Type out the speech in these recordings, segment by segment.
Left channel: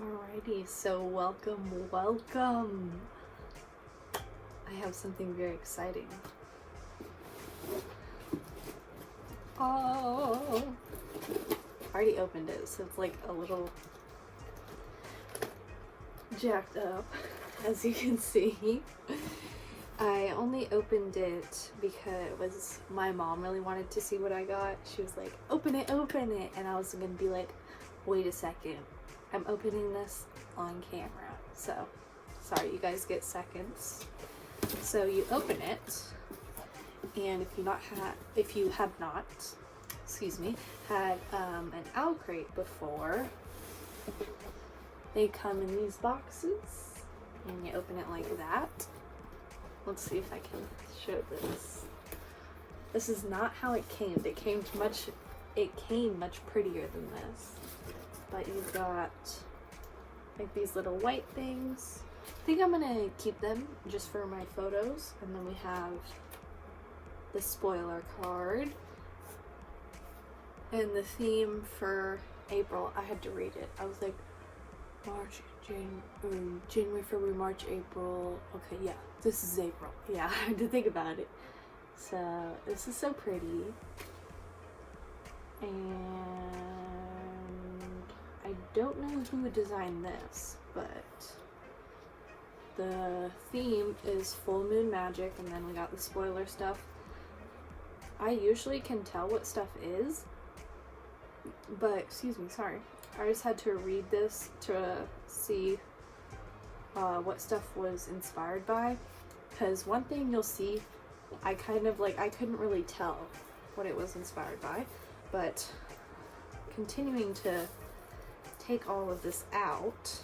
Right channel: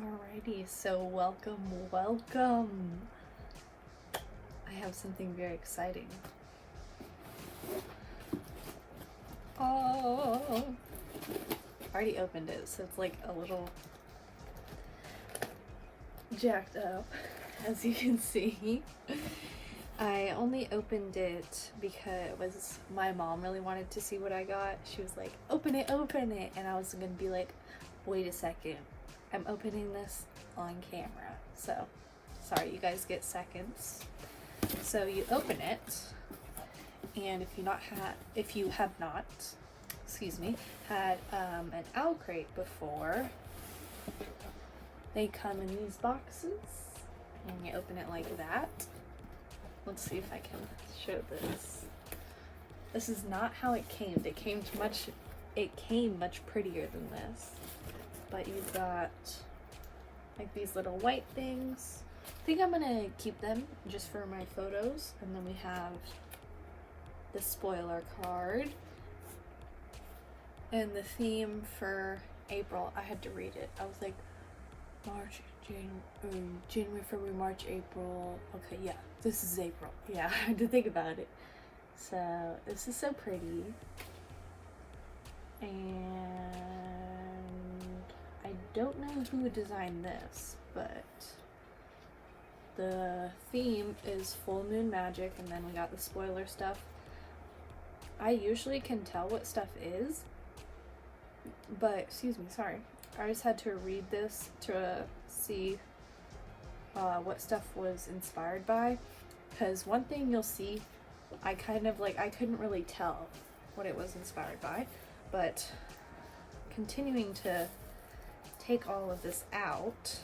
Alrighty, so welcome. I have something very exciting. Oh, I already opened it, so it's like a little jacked up, as you can see. I only opened it because my mom really wanted to see what I got. She was like, open it, and I was gonna be like, wait a second, I'm opening this on camera, so sorry, you guys get seconds. So you open it, and if you have not had an OwlCrate before, they come in these boxes, and you open it like that. Let's see if I can show this. This is not how it came. It came much prettier than this. But you've got like these little white things. I think I'm gonna keep them just for my photos. And then we have the spoiler card. And the theme for April, I had to read it. I was like, January, February, March, April. Okay, yeah, this is April. Yeah, I had to think about it. So this is so pretty. And I don't know who designed this, but the theme is full moon magic, and then we got the spoiler stuff. I usually can tell what stuff is, but I just had to read this to see what stuff was inspired by, because one thing you'll see, I couldn't really tell what it was inspired by, but continuing to take all of this out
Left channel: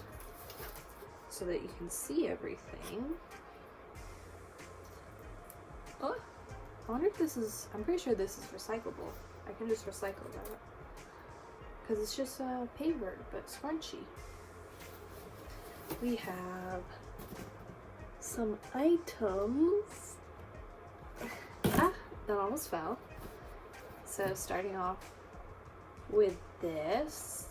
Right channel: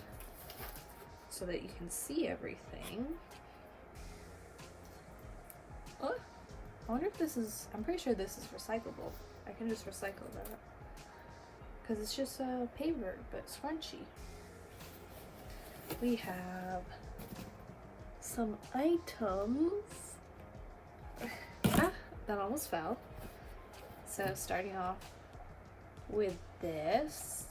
so that you can see everything. Oh, I wonder if I'm pretty sure this is recyclable. I can just recycle that because it's just a paper, but scrunchy. We have some items. That almost fell. So starting off with this,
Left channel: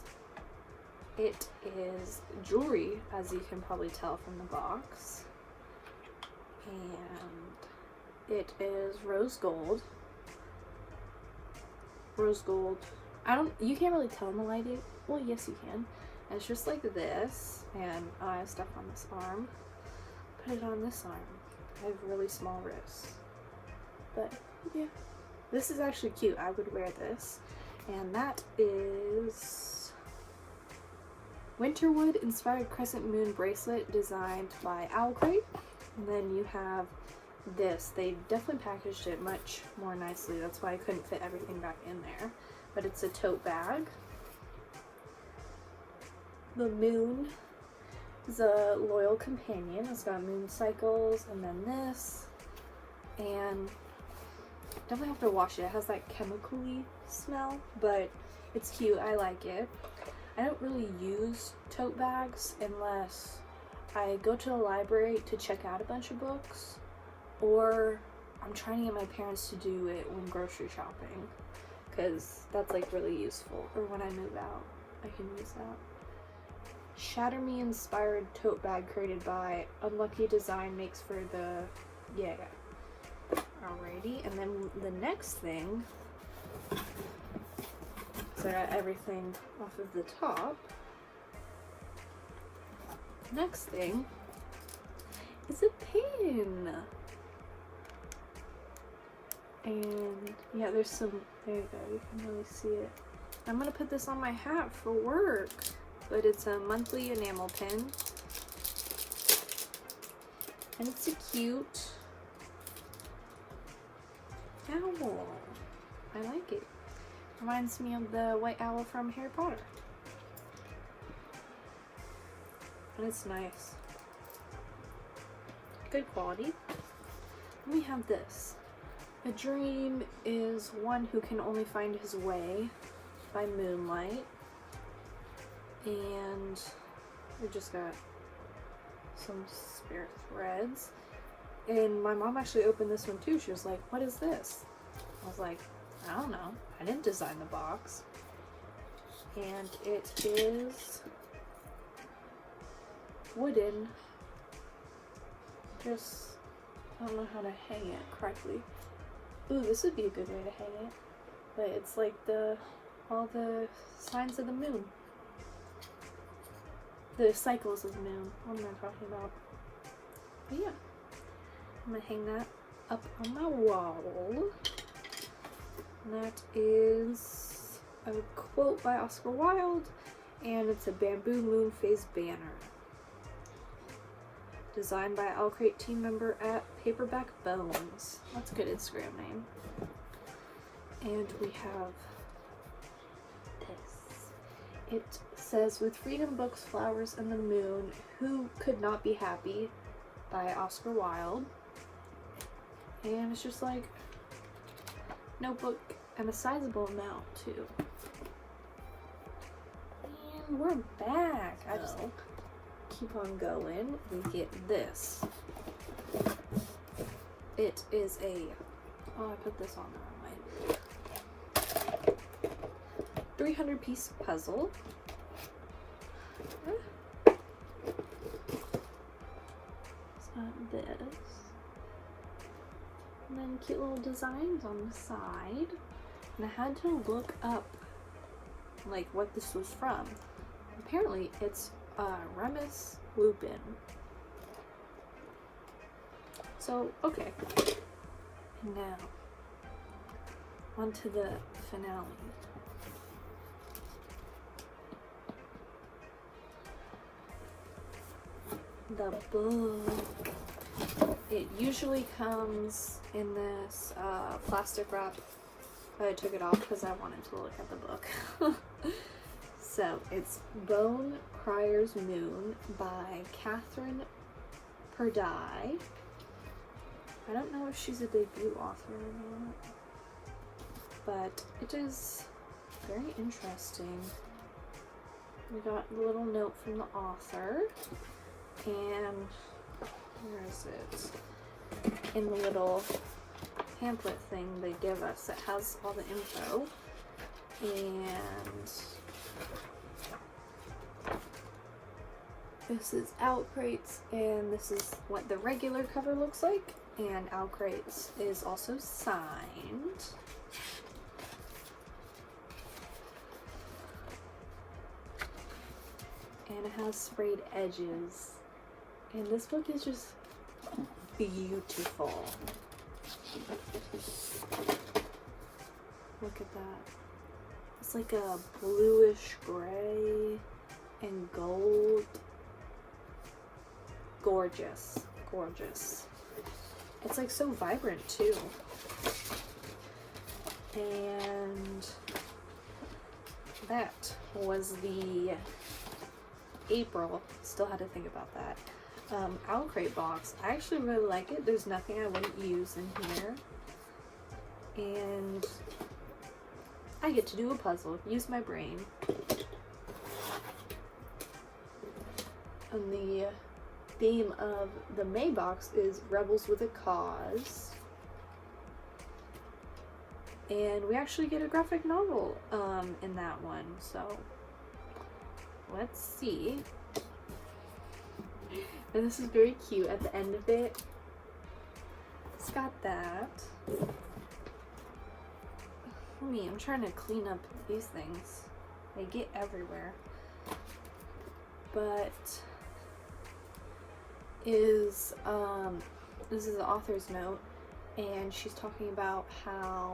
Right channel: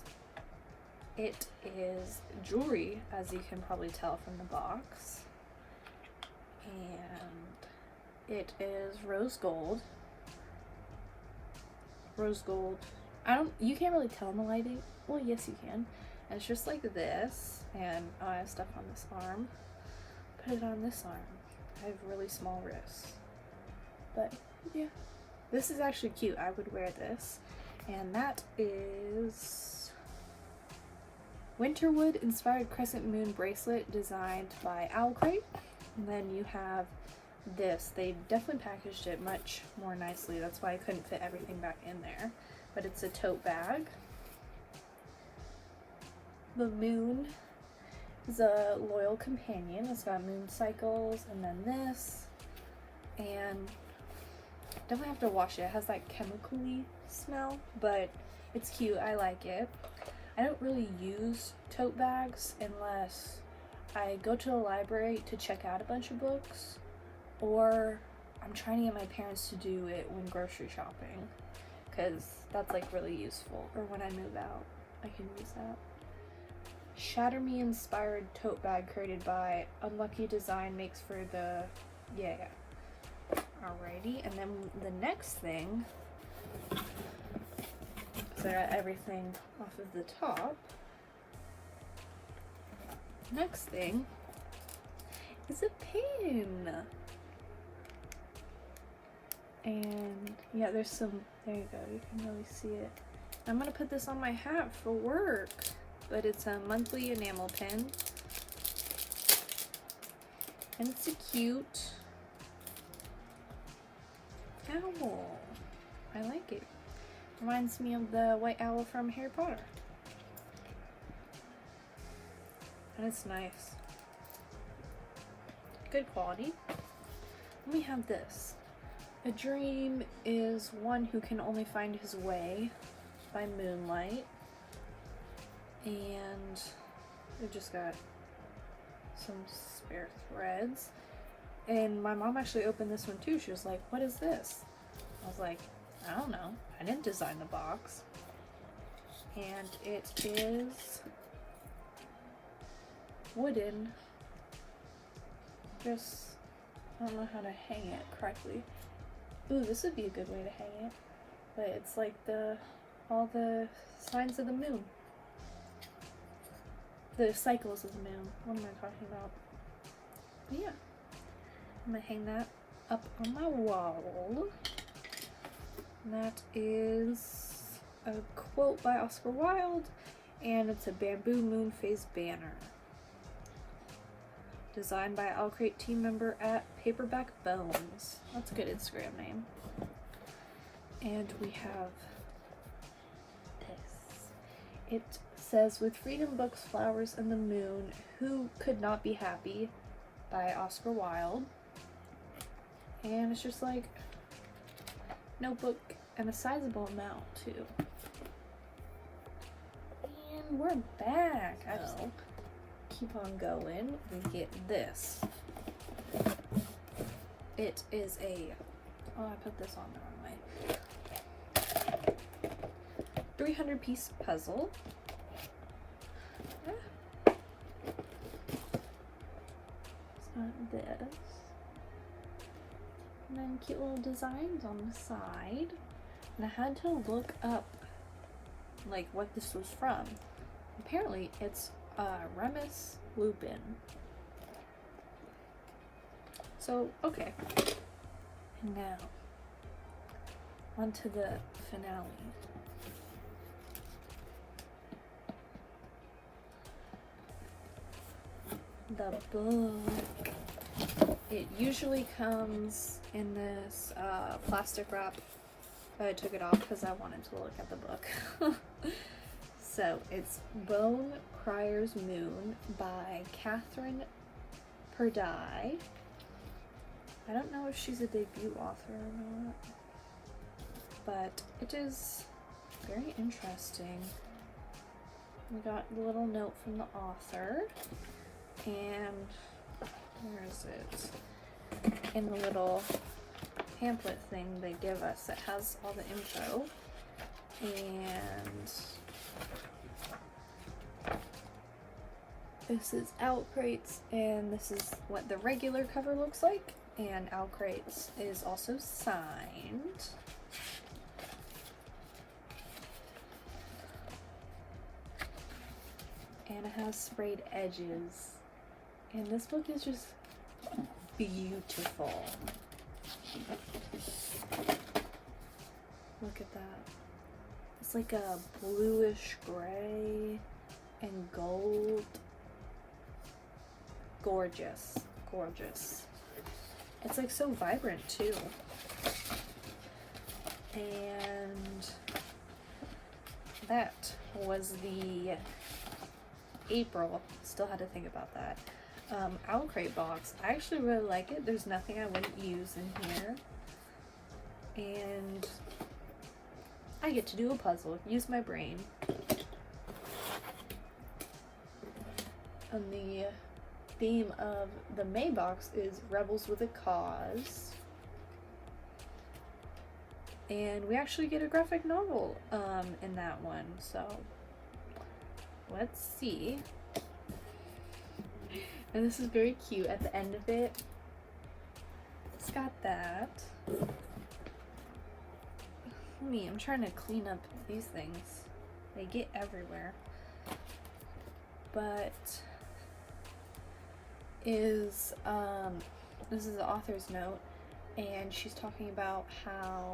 it is jewelry, as you can probably tell from the box, and it is rose gold. You can't really tell in the lighting. Well, yes you can. And it's just like this, and I stuck on this arm. Put it on this arm. I have really small wrists, but yeah, this is actually cute. I would wear this. And that is Winterwood inspired crescent moon bracelet designed by OwlCrate. And then you have this. They definitely packaged it much more nicely. That's why I couldn't fit everything back in there. But it's a tote bag. The moon is a loyal companion. It's got moon cycles, and then this. And definitely have to wash it. It has that chemically smell, but it's cute. I like it. I don't really use tote bags unless I go to the library to check out a bunch of books, or I'm trying to get my parents to do it when grocery shopping, because that's like really useful. Or when I move out, I can use that. Shatter Me inspired tote bag created by Unlucky Design makes for the Alrighty, and then the next thing, so I got everything off of the top. Next thing is a pin. And yeah, there you go, you can really see it. I'm gonna put this on my hat for work, but it's a monthly enamel pin. And it's a cute owl. I like it. Reminds me of the white owl from Harry Potter. And it's nice. Good quality. Then we have this. A dream is one who can only find his way by moonlight. And we just got some spare threads. And my mom actually opened this one too. She was like, what is this? I was like, I don't know. I didn't design the box. And it is wooden. Just, I don't know how to hang it correctly. Ooh, this would be a good way to hang it. But it's like all the signs of the moon. The cycles of the moon. What am I talking about? But yeah. I'm gonna hang that up on my wall. And that is a quote by Oscar Wilde, and it's a bamboo moon phase banner. Designed by OwlCrate team member at Paperback Bones. That's a good Instagram name. And we have this. It says, "With freedom, books, flowers, and the moon, who could not be happy?" by Oscar Wilde. And it's just like notebook and a sizable amount too. And we're back. I just keep on going. We get this. It is a, oh, I put this on the wrong way. 300-piece puzzle. It's got this. And then cute little designs on the side. And I had to look up like what this was from. Apparently it's Remus Lupin. So, okay. Now, on to the finale. The book. It usually comes in this plastic wrap, but I took it off because I wanted to look at the book. So it's Bone Crier's Moon by Catherine Purdy. I don't know if she's a debut author or not, but it is very interesting. We got a little note from the author, and where is it? In the little pamphlet thing they give us, it has all the info, and this is OwlCrate's, and this is what the regular cover looks like, and OwlCrate's is also signed. And it has sprayed edges. And this book is just beautiful. Look at that. It's like a bluish gray and gold. Gorgeous. Gorgeous. It's like so vibrant too. And that was the April. Still had to think about that. OwlCrate box. I actually really like it. There's nothing I wouldn't use in here. And I get to do a puzzle. Use my brain. And the theme of the May box is Rebels with a Cause. And we actually get a graphic novel in that one. So let's see. And this is very cute at the end of it. It's got that. I'm trying to clean up these things. They get everywhere. But this is the author's note, and she's talking about how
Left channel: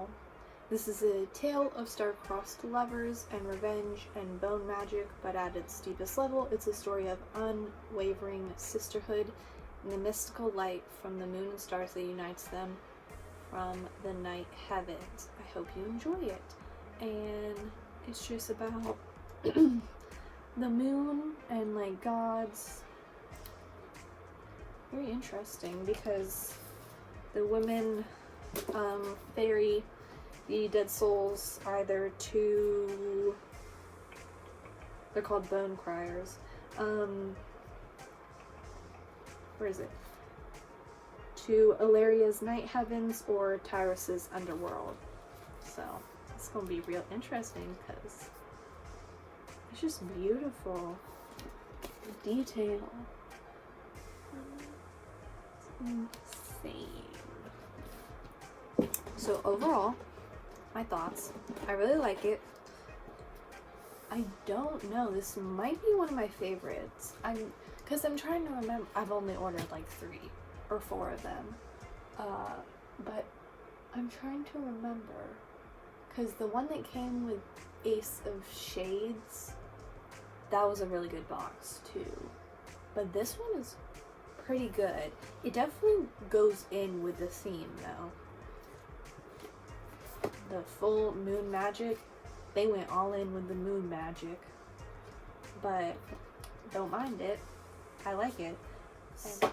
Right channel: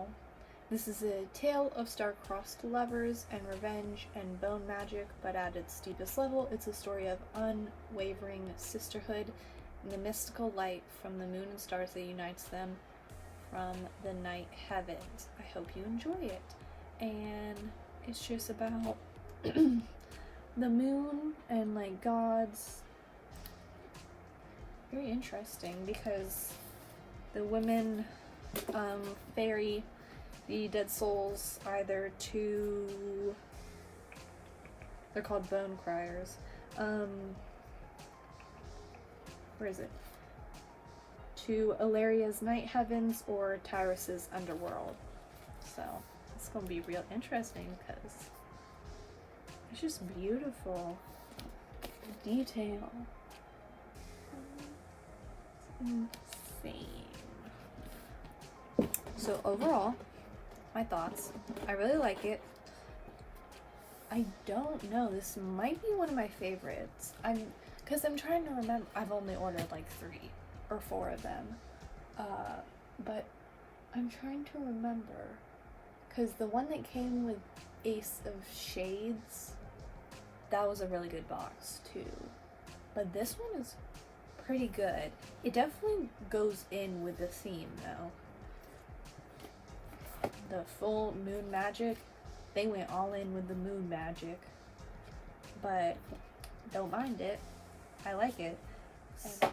this is a tale of star-crossed lovers and revenge and bone magic, but at its deepest level, it's a story of unwavering sisterhood and the mystical light from the moon and stars that unites them from the night heavens. I hope you enjoy it. And it's just about the moon and like gods. Very interesting because the women ferry the dead souls either to, they're called Bone Criers. Where is it? To Illyria's night heavens or Tyrus's underworld. So it's gonna be real interesting because it's just beautiful. The detail. insane. So overall, my thoughts. I really like it. I don't know. This might be one of my favorites. Because I'm trying to remember. I've only ordered like 3 or 4 of them. But I'm trying to remember. Because the one that came with Ace of Shades, that was a really good box too. But this one is pretty good. It definitely goes in with the theme though. The full moon magic, they went all in with the moon magic. But don't mind it. I like it. And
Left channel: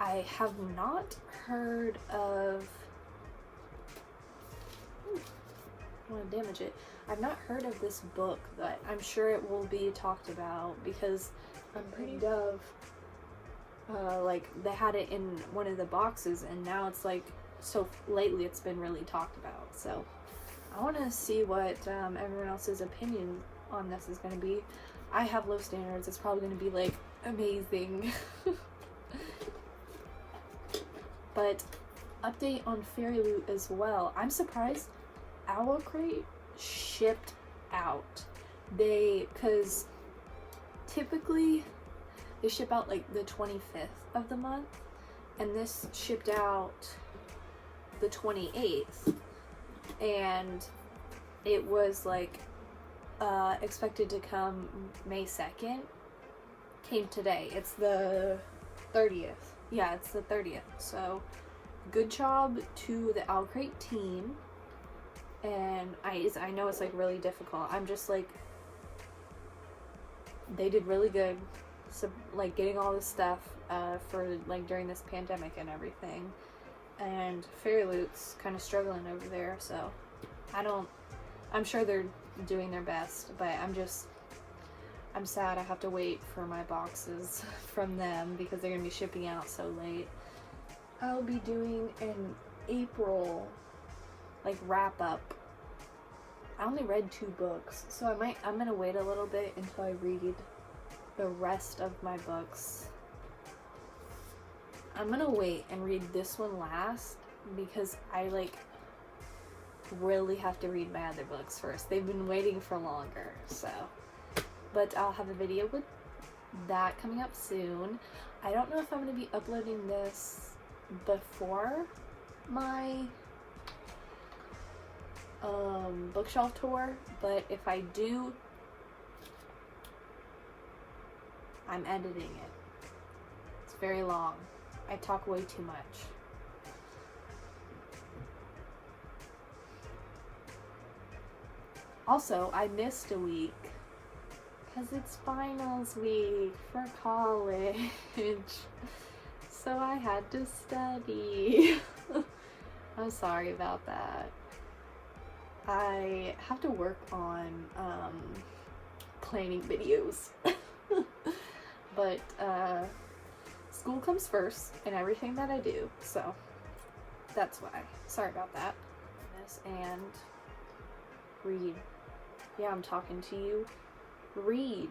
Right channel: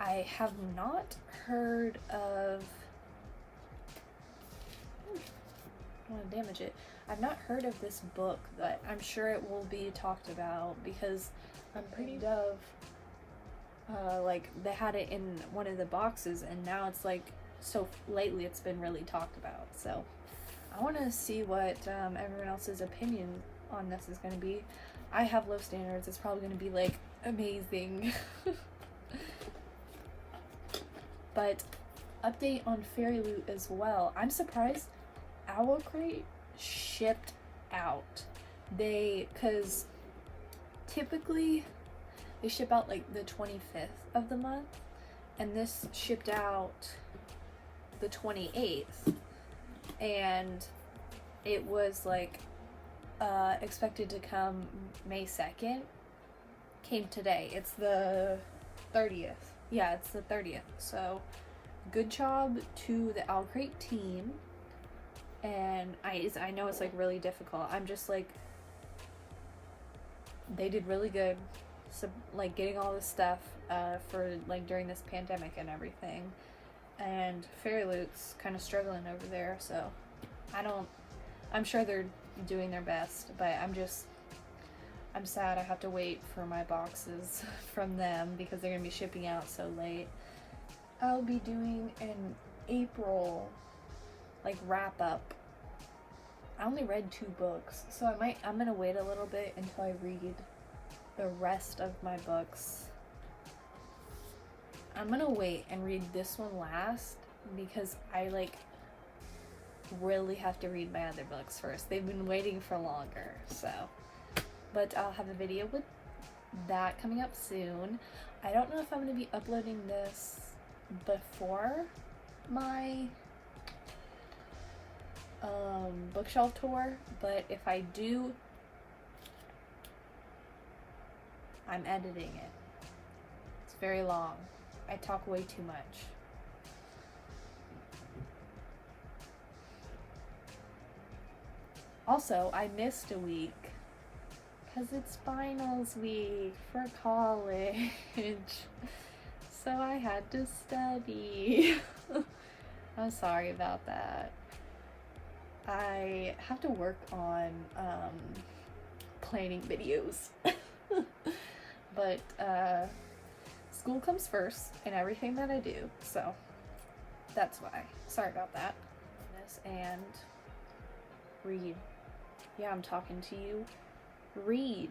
I have not heard of... I want to damage it. I've not heard of this book, but I'm sure it will be talked about because I'm pretty of like they had it in one of the boxes and now it's like, so lately it's been really talked about. So I want to see what everyone else's opinion on this is going to be. I have low standards. It's probably going to be like amazing. But update on Fairy Loot as well. I'm surprised OwlCrate shipped out. Because typically they ship out like the 25th of the month, and this shipped out the 28th, and it was like expected to come May 2nd. Came today. It's the 30th. Yeah, it's the 30th. So good job to the OwlCrate team. And I know it's like really difficult. I'm just like, they did really good. So like getting all this stuff for like during this pandemic and everything. And Fairy Loot's kind of struggling over there. So I'm sure they're doing their best, but I'm sad I have to wait for my boxes from them because they're gonna be shipping out so late. I'll be doing an April like wrap up. I only read 2 books, so I'm gonna wait a little bit until I read the rest of my books. I'm gonna wait and read this one last because I like really have to read my other books first. They've been waiting for longer, so. But I'll have a video with that coming up soon. I don't know if I'm gonna be uploading this before my bookshelf tour, but if I do, I'm editing it. It's very long. I talk way too much. Also, I missed a week because it's finals week for college, so I had to study. I'm sorry about that. I have to work on planning videos. But school comes first in everything that I do, so that's why. Sorry about that. And read. Yeah, I'm talking to you. Read.